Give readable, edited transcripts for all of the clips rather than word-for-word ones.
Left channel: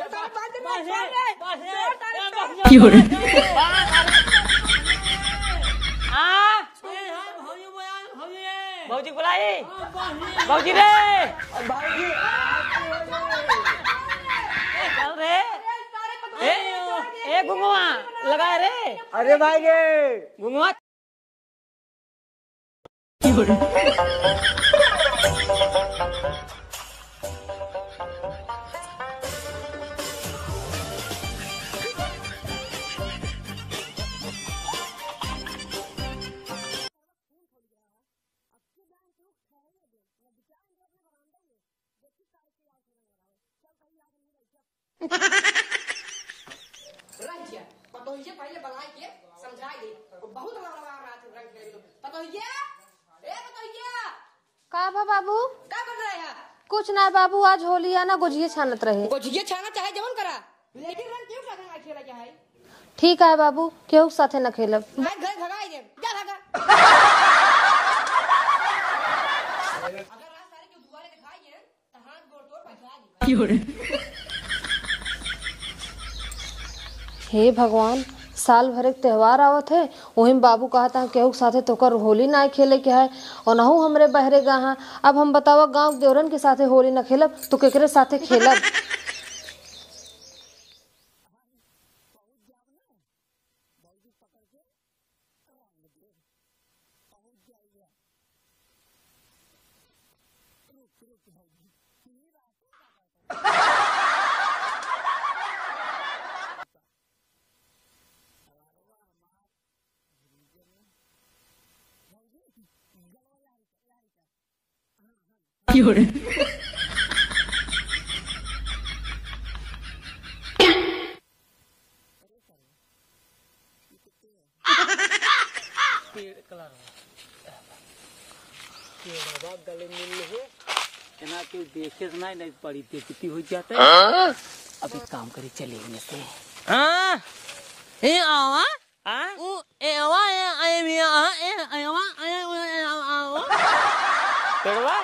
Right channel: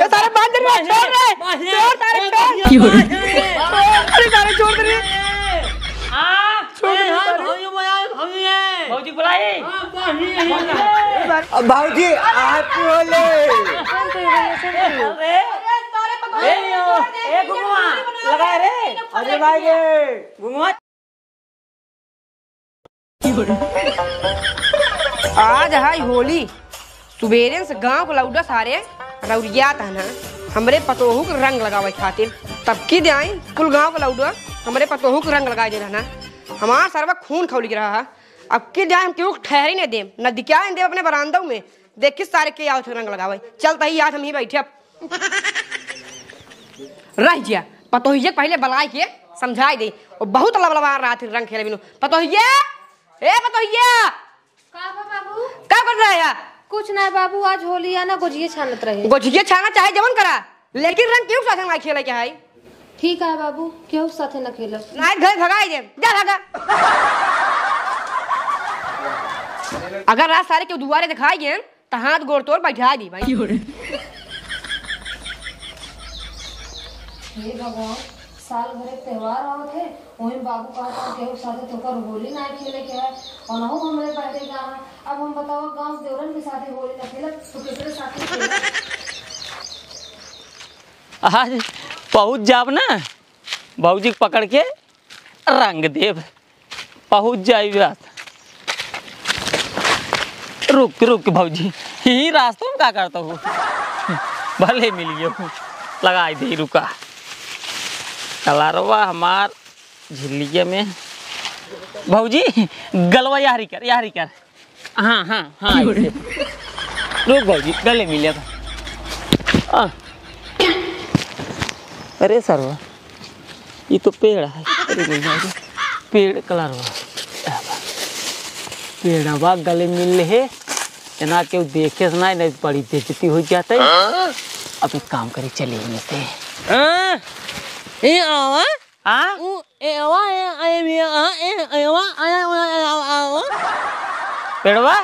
ये सारे बांध दे छोड़ रे छोड़ तारे छोड़ सारे छोड़ दे हां छोड़ भौजी बुलाई भौजी आप बोले ए घुंगुआ लगा रे अरे भाई घुंगुआ आज है होली सुबेरे से गांव को लौटा सारे रौरिया था ना हमरे पतोहू के रंग लगावे खातिर तब की दे आई कुल गांव को लौटा हमरे पतोहू के रंग लगाए दे ना हमारा सरवा खून खौली रहा है अब की जाए हम क्यों ठहर ही नहीं दे न दिखा दे अपने बरामदों में देख किस सारे के आओ रंग लगावे चलता ही आज हम ही बैठे रह जिया पतोहिया पहले बलाई के समझाई दे और बहुत लबलबा रहा थी रंग खेले बिनु पतोहिया ए पतोहिया का बाबू क्या कर रहा है कुछ ना बाबू आज होली है ना गोजिए छानत रहे गोजिए छाना चाहे जवन करा लेकिन रंग क्यों साथे ना खेले के है ठीक है बाबू केहू साथे न खेलब ना घर भगाई दे जा भगा अगर रात सारे के दुआरे दिखाई गए तो हाथ गोड़ तोड़ बैठा दी भाई हे भगवान साल भर एक त्योहार आवत है वही बाबू कहा था केहू साथे तोकर होली ना खेले के है और नहू हमरे बहरे गाँव अब हम बताओ गांव देवरन के साथे होली न खेलब तो केकरे साथे खेलब आज पहुँच जाब ना भौजी पकड़ के रंग देव पहुँच जाए बात रुक रुक भौजी ही रास्तों में क्या करता हूँ भले मिल गया लगाई दे रुका कलारवा हमार झिल्लिया में भौजी गलवा यारी कर हाँ हाँ हाँ रुक भौजी गले मिल था अरे सरवा ये तो पेड़ है पेड़ कलरवा पेड़वा गले मिल है ना क्यों देखे से ना बड़ी बेइज्जती हो जाता है अब एक काम करे चलिए इनमें से पेड़वा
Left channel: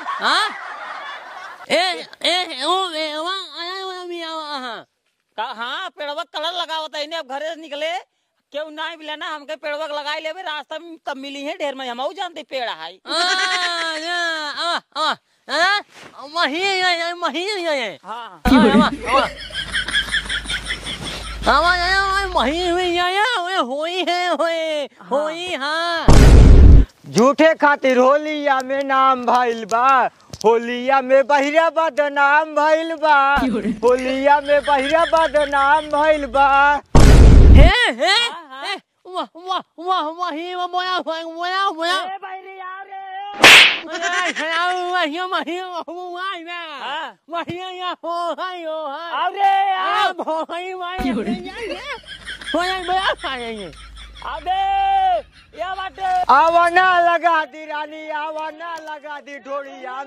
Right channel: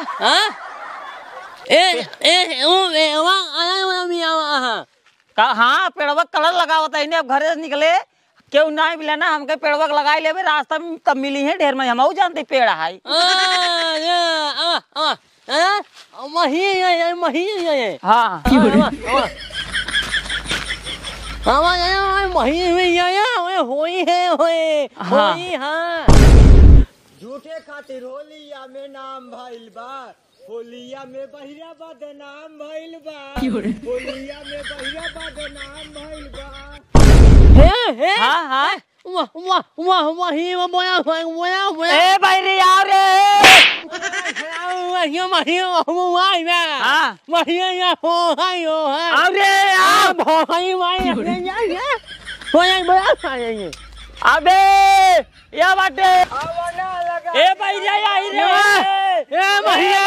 हाँ पेड़वा कलर लगावता है अब घरे से निकले क्यों ना मिले ना हमके पेड़वा लगाई ले रास्ता में तब मिली है ढेर में हम जानते पेड़ है हाँ झूठे खातिर होलिया में नाम भइल बा होलिया में बहिरा बदनाम भइल बा होलिया में बहिरा बदनाम भइल बा हाँ हाँ ए भाई रे यार अबे या बाटे आवना लगा ए भैया यही रे ए भैया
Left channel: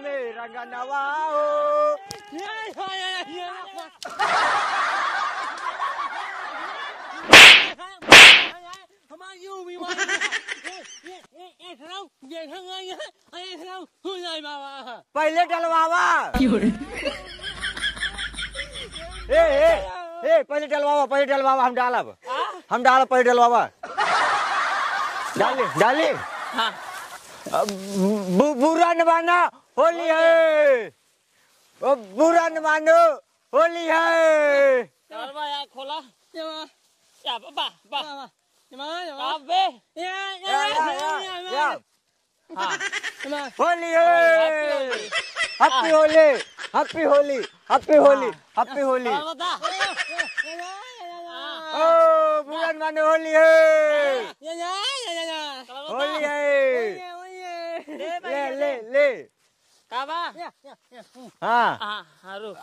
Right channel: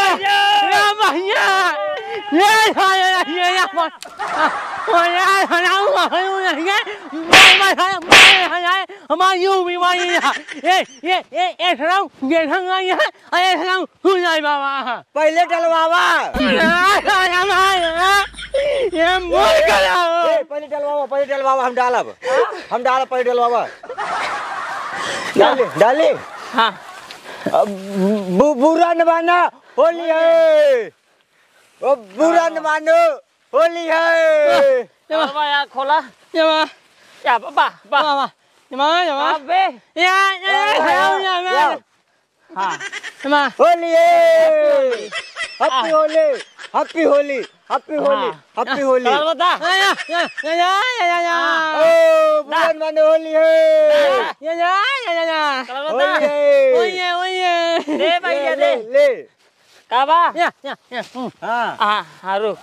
पहले डलवावा पहले डलवावा हम डालब पहले डलवावा डाले हाँ बुरा न मानो होली है बुरा न मानो होली है यार खोला या बा अबे हाँ होली है happy Holi happy Holi happy Holi happy Holi बता ओ बुरा न मानो होली है दे भैया दे ले काबा हाँ हाँ रुक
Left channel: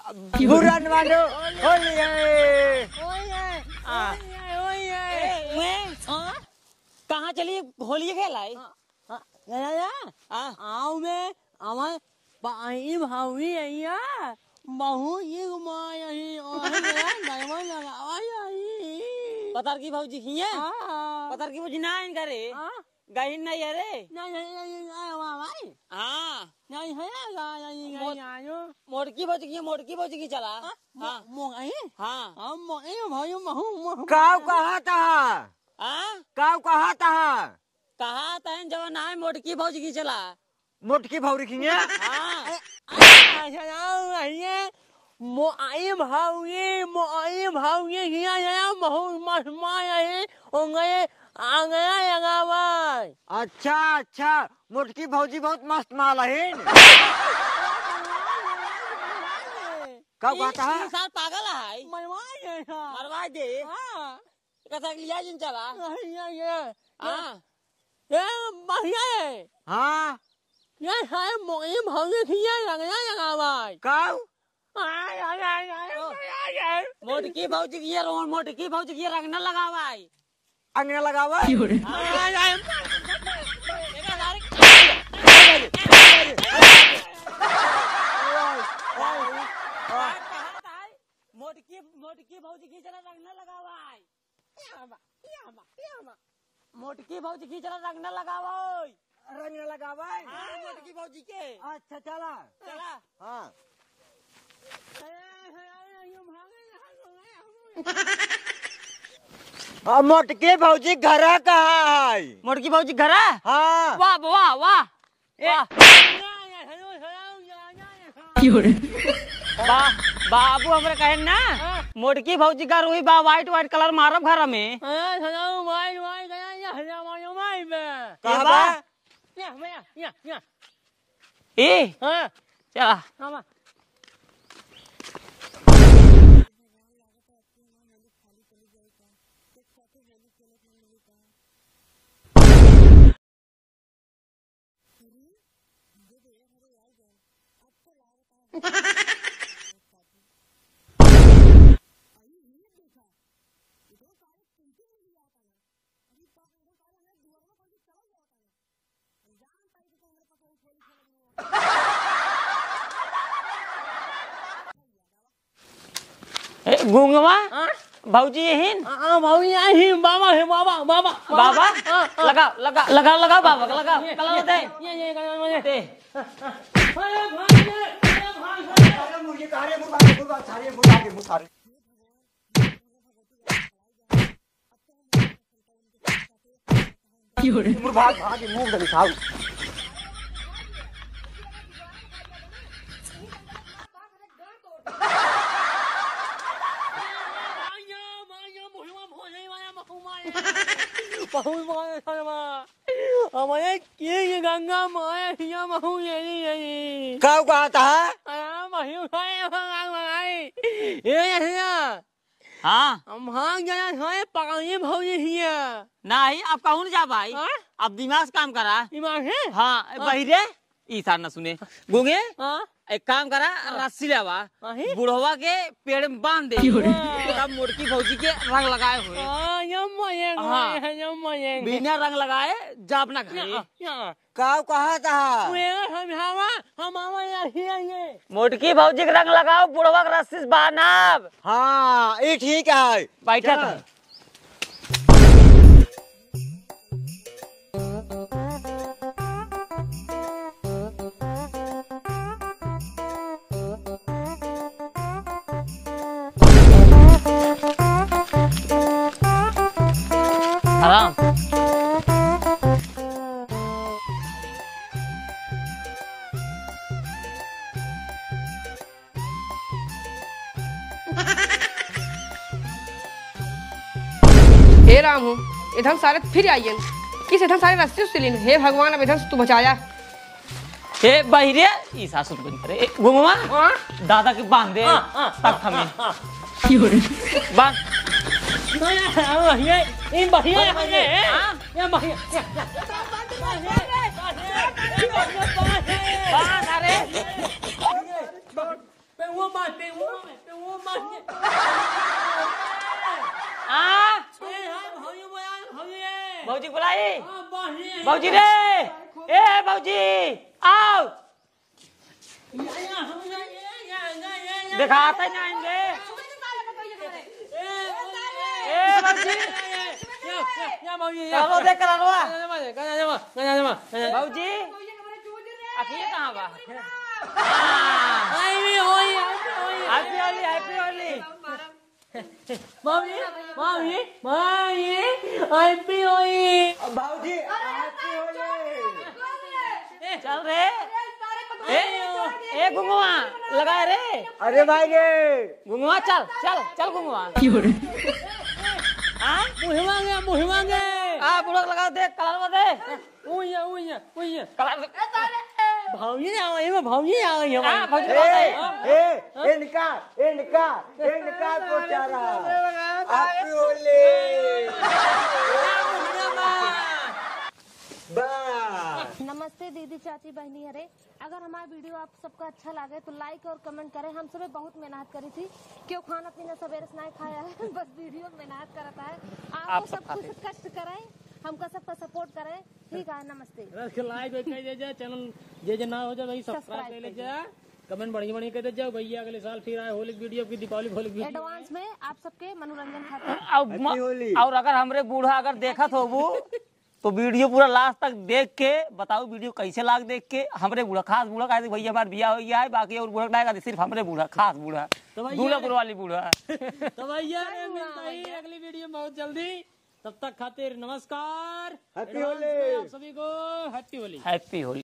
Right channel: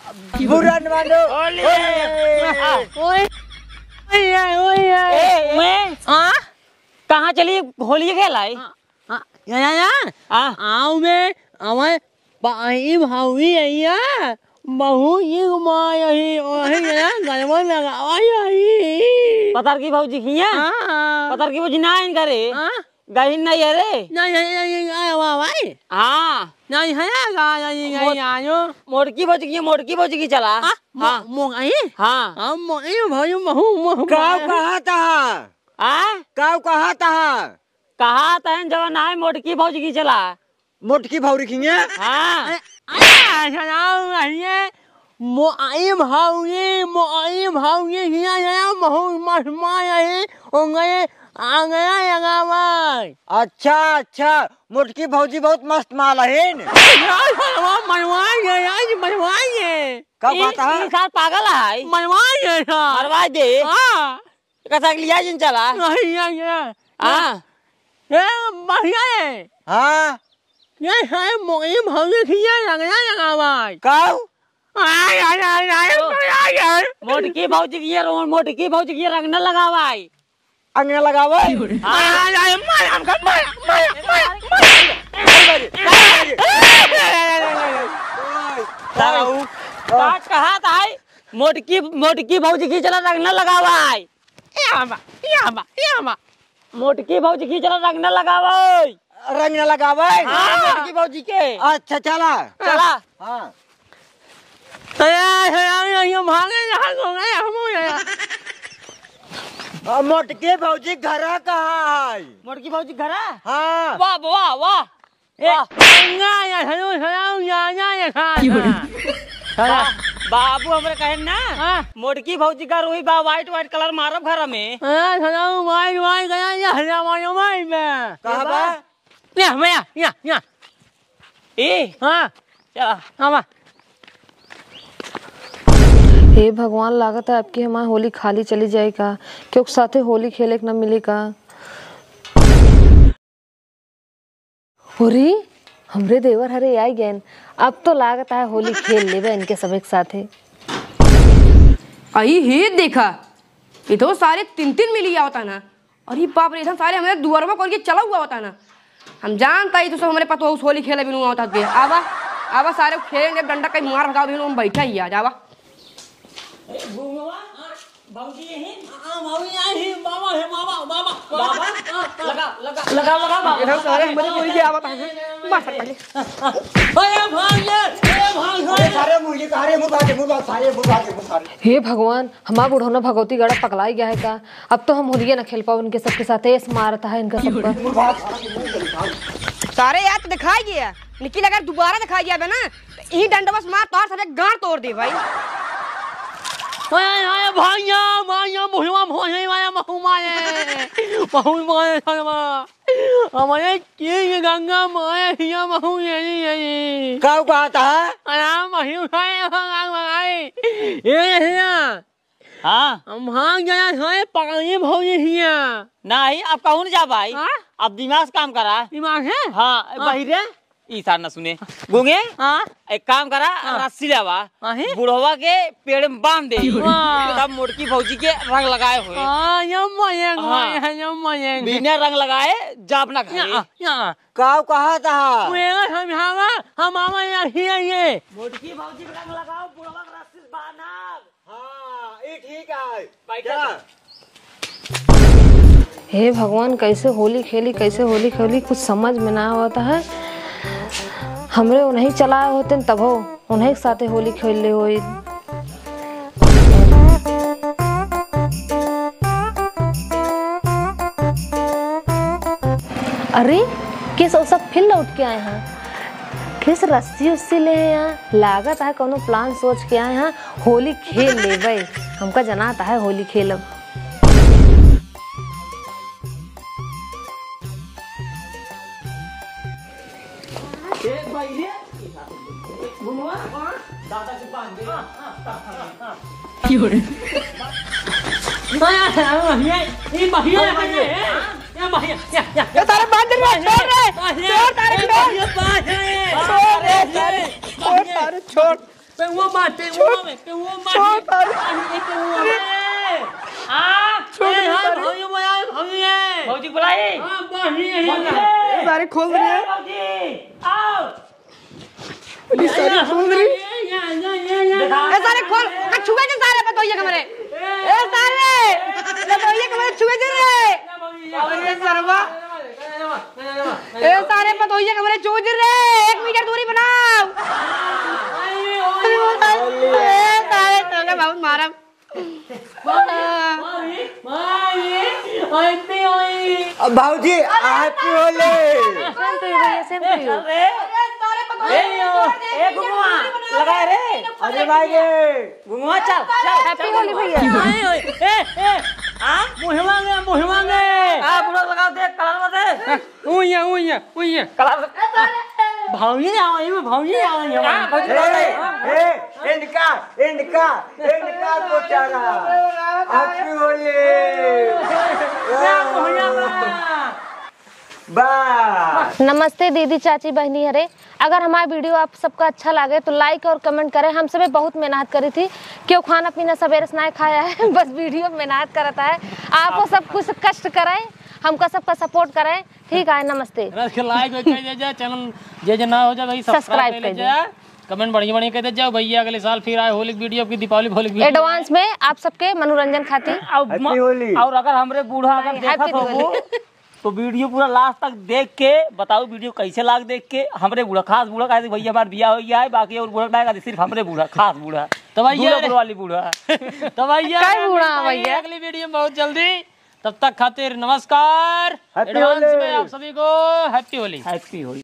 बुरा न मानो कहाँ चली होली खेलाई आओ में हमें पाई भावी आइया बहु ये घुमाई ओही गलवा लगावा यही पतार की भौजी खिया पतार की भौजी ना इन करे गई नहीं है रे। नहीं आया भाई। हाँ नहीं है नहीं आयो। मोटकी भौजी चला। हाँ मोगाई। हाँ हम मोगाई भाई महू काव कहा था हाँ काव कहा था कहा तहन जवन आए मोटकी भौजी की चला। मोटकी भौरी खिंगे हाँ मोआई भाऊये हिया या महू मसमाए ओंगे आ गया यगा भाई। अच्छा मोटकी भौजी बहुत मस्त माल है मनवाइए कब कहता है ई साल पागल है। मनवाइए मरवा दे। हाँ कथा लिया जिन चला। नहीं हाँ ये बढ़िया है। हाँ ये है मोई भाऊये हिया यगा भाई। काव मोटकी भौजी की रंग न लगा भाई। अंगने लगावे कहा था मोटकी भौजी की चला रंग न लगा भाई। मोटकी भौजी की चला रंग न लगा भाई। रंग लगावे मोटकी भौजी के। अच्छा चला हाँ मोटकी भौजी घर कहाँ है मोटकी भौजी घर है। हाँ वाह वाह वाह बाबू हमरे कहे ना मोटकी भौजी का रोई बा व्हाइट कलर मारब घर में। हे भगवान, लागत है आपकी हमारी होली खाली चली जाएगा क्योंकि साथे होली खेले न मिलेगा। होरी हमरे देवर हरे आई गए, अब तो लागत है होली खेल लेवे इनके सब एक साथे। आई हे देखा ये तो सारे तीन मिल गया होता ना। अरे बाप रे सारे हमारे दुआर में करके चला हुआ होता ना। हम जानता ही तो सब हमारे पतो होली खेले भी होता है। आवा सारे खेलेंगे डंडा कहीं मार भगा भी हम बैठा ही आज। आवा गूंगवा भौजी यही बाबा है बाबा लगा बाबा हे भगवान, हमारा बुढ़ौना भगवती गड़ा पकलाई गया है का। अब तो हम होलिया न खेल पाओ इनके सबके साथ। ऐस मारता है इनका सारे यार तो दिखाई गया निकी अगर दोबारा दिखाई गया ना यही डंडा बस मार तोड़ सारे गांड तोड़ दे भाई। भाइया बुढ़वा भोजे वाला हमारे की गंगा माया हिया महू यही कब कहता है आराम हिया। हाँ हम हाँ गया है पानी भौजी हिया नहीं अब कहूँ जा भाई। अब दिमाग काम करा। दिमाग है हाँ बहिरे ईसा न सुने गूंगे। एक काम करा रस्सी लावा बुढ़वा के पेड़ में बांध दे तब मोटकी भौजी के रंग लगाए हुए बिना रंग लगाए जाप ना करे। कब कहा था मोटकी भौजी के रंग लगाओ बुढ़वा के रस्सी से बांधब। हाँ ये ठीक है बैठा हे भगवान, कैसे होली खेली कुछ समझ में ना आता है। हमरे उन्हें चलाए होते तब हो उन्हें साथे होली खेल ले हो। अरे किस सब फिर लौट के आए हैं। किस रस्सी उस्सी ले यहाँ लागत है कोनो प्लान सोच के आए हैं होली खेल ले भाई। हमका जनाता है होली खेलब। हे राम इधर सारे फिर आइए किस इधर सारे रस्ते उस्से लेने। हे भगवान अब इधर तू बचाया। ए बहिरे ईसा सुन करे गुमवा दादा के बांध दे तक हमें बांध ये सारे बांध दे छोड़ पे वो मार भौजी बुलाई भौजी सारे खोल दे भौजी आओ सारे खोल दे सारे खोल छुए दे सारे बताइए हमारे ए सारे ये तो ये हमारे छुए दे रे ए सारे पतोहिया हमारे चूज रे 1 मीटर दूरी बनाओ सारे चले बहुत मारम भाऊजी हैप्पी होली। अरे भाई घुमा चल हैप्पी होली भैया। मुहिमा में बुढ़ा लगा दे कलर में दे उइया कलर भाऊजी आई में भाऊजी आई इनका इनका इनका बेचारा हैप्पी होली। बस नमस्ते दीदी चाची बहनी हरे। अगर हमारा वीडियो आप सबका अच्छा लगे तो लाइक और कमेंट करें। हम सब बहुत मेहनत करी थी, क्यों खाना पीना सवेरे से नहीं खाया है, बस वीडियो में मेहनत करता है। आपको सब कुछ कष्ट करें, हमको सबका सपोर्ट करें। ठीक है, नमस्ते। लाइक कर दे चैनल जे ना हो जाए भाई सब्सक्राइब कर दे, कमेंट बढ़िया कर दे जाओ भैया। अगले साल फिर आए होली वीडियो की दीपावली वीडियो एडवांस में आप सबके मनोरंजन खातिर। हैप्पी होली। और अगर हमरे बूढ़ा अगर देखत हैप्पी हो तो वीडियो पूरा लास्ट तक देख के बताओ वीडियो कैसे लाग। देख के हमरे बूढ़ा खास बूढ़ा कहते भैया हमारा बिया हो गया है, बाकी और बूढ़ा नहीं, सिर्फ हमरे बूढ़ा खास बूढ़ा तो भैया वाली बूढ़ा तो भैया काय बूढ़ा भैया। अगली वीडियो में बहुत जल्दी, तब तक खातिर नमस्कार। Happy advance Holi. में आप सभी को हैप्पी होली। हैप्पी होली।